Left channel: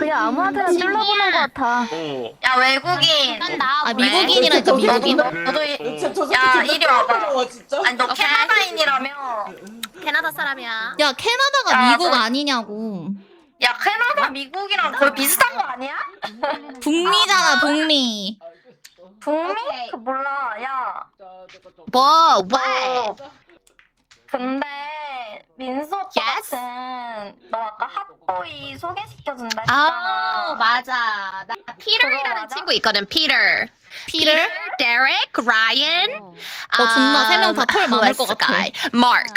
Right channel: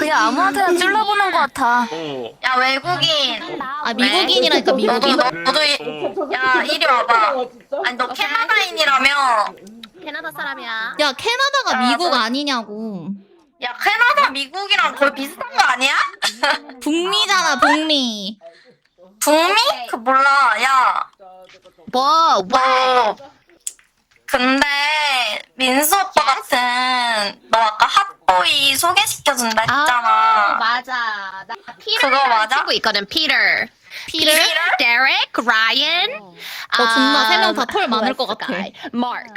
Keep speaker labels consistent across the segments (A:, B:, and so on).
A: 그냥 아무한테나 찔러보는 것 같아.
B: 야 외국인.
C: 아 미국인이라니까 미국인.
B: 야 이리 와봐. 아니 너 캐나다인이라며.
A: 캐나다 사람이야.
C: 야 캐나다가
B: 야,
C: 미국
B: 너-
C: 아니냐고.
B: 야 캐나다 미국이랑 거의 비슷한 거 아니야?
C: 북미잖아 북미.
B: 북미? 그 몰라. 야.
A: 뭐?
B: 너 근데 민수 오빠 같은 너 아까 핫보이 소개시켜준다 했잖아.
A: 맞아. 나
B: 그거
A: 피터라는
B: 맞아?
A: 친구 있거든. 피터.
C: 피를?
A: 데렉, 라이언.
C: 너 존나 세 명 다 털 많을 것 같아.
A: 마크.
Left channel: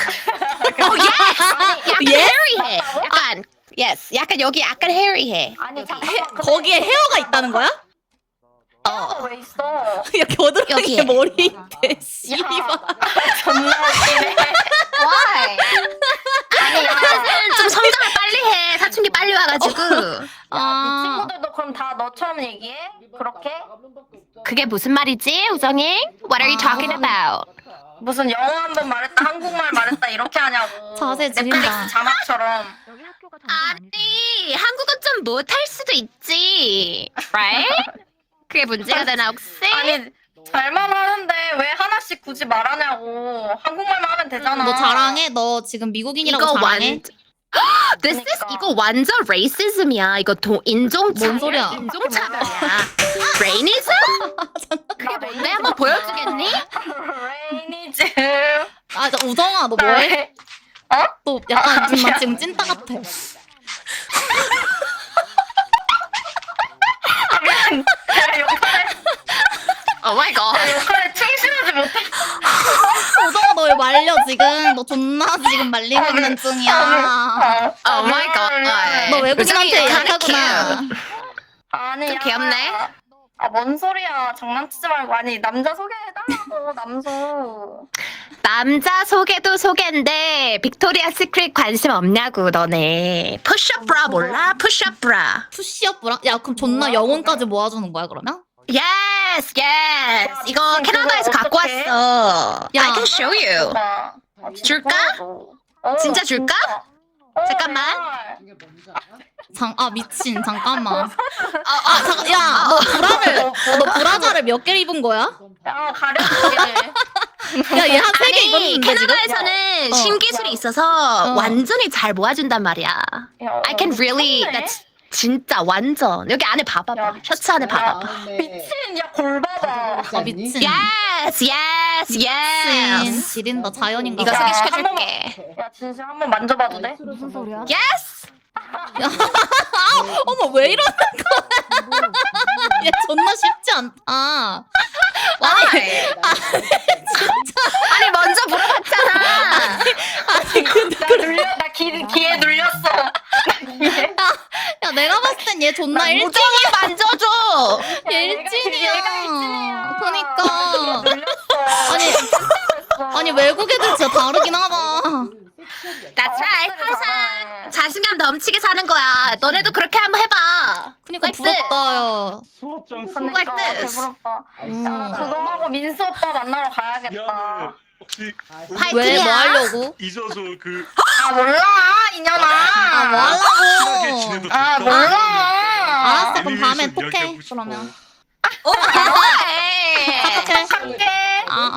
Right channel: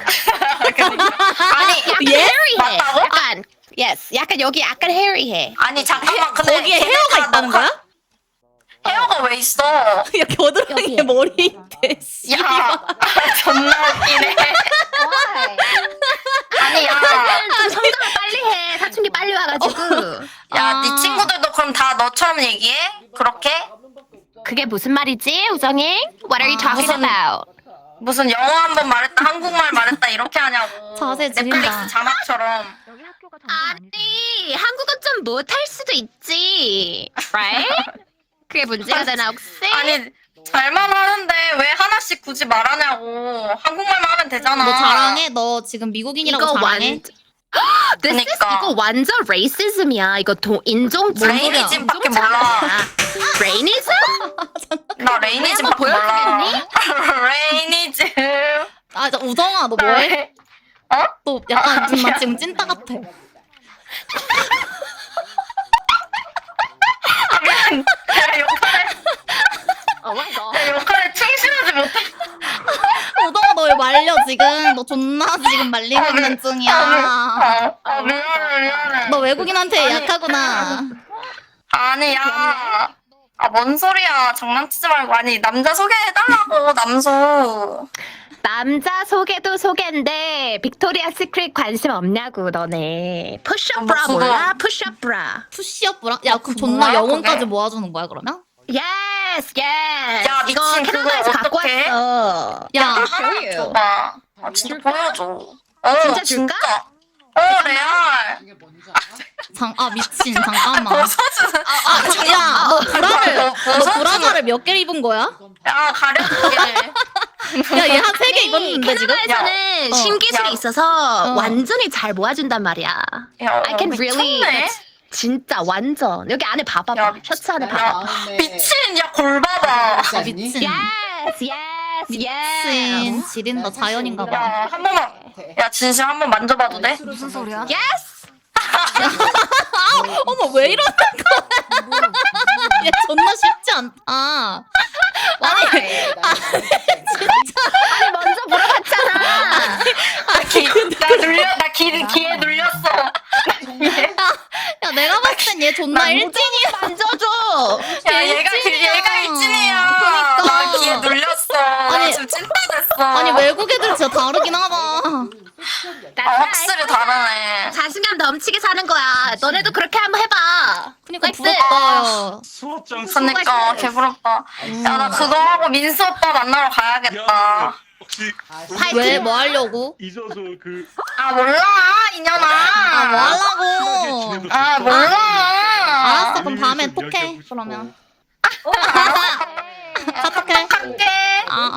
C: 예?
A: 헤리해. 약간 yes. 약간 여기 약간 헤리해.
B: 아니 잠깐만. 근데
C: 거기에 헤어가 있다는 거야?
B: 헤어가 왜 있어?
C: 야 겨드랑이에
A: 여기에.
C: 머리 있대. 씨발.
B: 존나 웃기네. 아니 야.
A: 좀 성장을 빨리 해. 사춘기 빨리 와가지고.
B: 야, 네 친구들도 그럼 다 너처럼 얘기해? 그렇게?
A: 그게 무슨 말이지, 우정이? What are you talking
C: 무슨-
A: about?
B: 무슨 영어 한 번 말했다, 한국말 말했다 이렇게 하냐고.
C: 자세 지린다.
B: 넷플릭스 자막처럼.
A: 아니, 한국어 좀 못할 수도 있지. Right? 그게 문제가 되나 혹시?
B: 아니, 잘만 하는데 왜 하나씩 굳이 말하냐고. 한국말만 하면 되잖아.
C: 너 자랑해? 너 지금 미국인이라고 자랑해?
A: This is,
B: 그러니까.
A: 이거 완전 레이시즘이야. 이거 인종차.
C: 뭔 소리야?
B: 인종차야.
A: 레이니즘?
B: 나 레이니즈
A: 한번 보여주겠니?
B: 레이니즈.
C: 아, 저 우정아, 너 뭐해?
B: 어?
C: 너 약간 나 지금 찐따 같아.
A: Oh my god.
B: 역할에 충실하지 못해.
C: 우정아, 너 왜 말려 지금? 너 존나 지금 말리고 있는 중이야.
A: Oh my god.
C: 너 외국인한테
B: 우정이
C: 약하구나.
B: 아니야.
A: 귀엽네.
B: 아, 뭔 소리야. 장난치지 말고. 아니, 남자 소개해달라고, 남수.
A: 남자 소개도 소개인데 빅토리아 시크릿 관심 없냐고 너네. 푸시업 브라
B: 그거-
A: 몰라? 푸시업 브라.
C: 푸시업 브라? 야, 그럼 존나
B: 뭐야,
C: 영혼까지
B: 그게?
C: 모아주는 거야, 그러면?
A: Yes, yes.
B: 야,
A: 이거
B: 미친,
A: 캐나다에서
B: 그거
A: 갖고
B: 어떡해?
A: 왔어.
C: 야.
A: I can show you.
B: 봐.
A: 줄까?
B: 어,
A: 진짜 줄까?
B: 잠깐만.
C: 미친, 잠깐만. 야, 너 브라자를 몇 개 입은 거야?
B: 야, 가려고.
C: 야, 얘 한 3개 입었는데, 지금?
A: 캐나다에서는
C: 어.
A: 신기술이 있어서 완전히 잘 모아준단 말이야. I can really. that's 진짜 완전. 여기 안에 봐봐봐.
B: 야,
A: 셔츠 안에 봐봐.
B: 미친, 야, 골 봐봐.
C: 아, 미친.
A: Yes, yes,
C: 미친.
A: yes.
C: 지린다, 자연인가
A: 이거
C: 봐.
B: 야,
A: 소개시켜줄게.
B: 한 번만. 야, 진심 한 번 만져봐도 돼?
A: 무슨 소리야? Yes.
C: 어머, 왜 이러는 거야? 얘 존나 쉽지 않다. 아니,
A: 아니 먼저 물어봤잖아.
B: 나 기에 눌렸어.
C: 야, 내가 봤을 땐 얘 존나 일진이야.
A: 만져줘.
B: 야,
C: 일진이야.
B: 얘가 일진이야.
C: 그러니까.
B: 기에 눌렸어.
C: 아니,
B: 찐따 됐어.
C: 아니, 외국 애들 진짜 다르긴 하다.
B: 확실히 다르네.
A: 자신감 넘치게 사는 거야. 너네도 그렇게 한번 해봐.
C: 그니까 부럽다, 야.
D: 수업장
B: 그러니까 개부럽다. 야, 나 그거 하고 민수 오빠 만나러 가야겠다.
D: 혹시
C: 왜, 뭐 하려고?
D: 잊어서 그
B: 아 몰라 이년아.
C: 아, 뭐 하려고?
B: 아 몰라.
C: 알았어, 그럼 밤에 톡해, 그러면.
B: 아,
C: 카톡해.
B: 할게.
C: 아.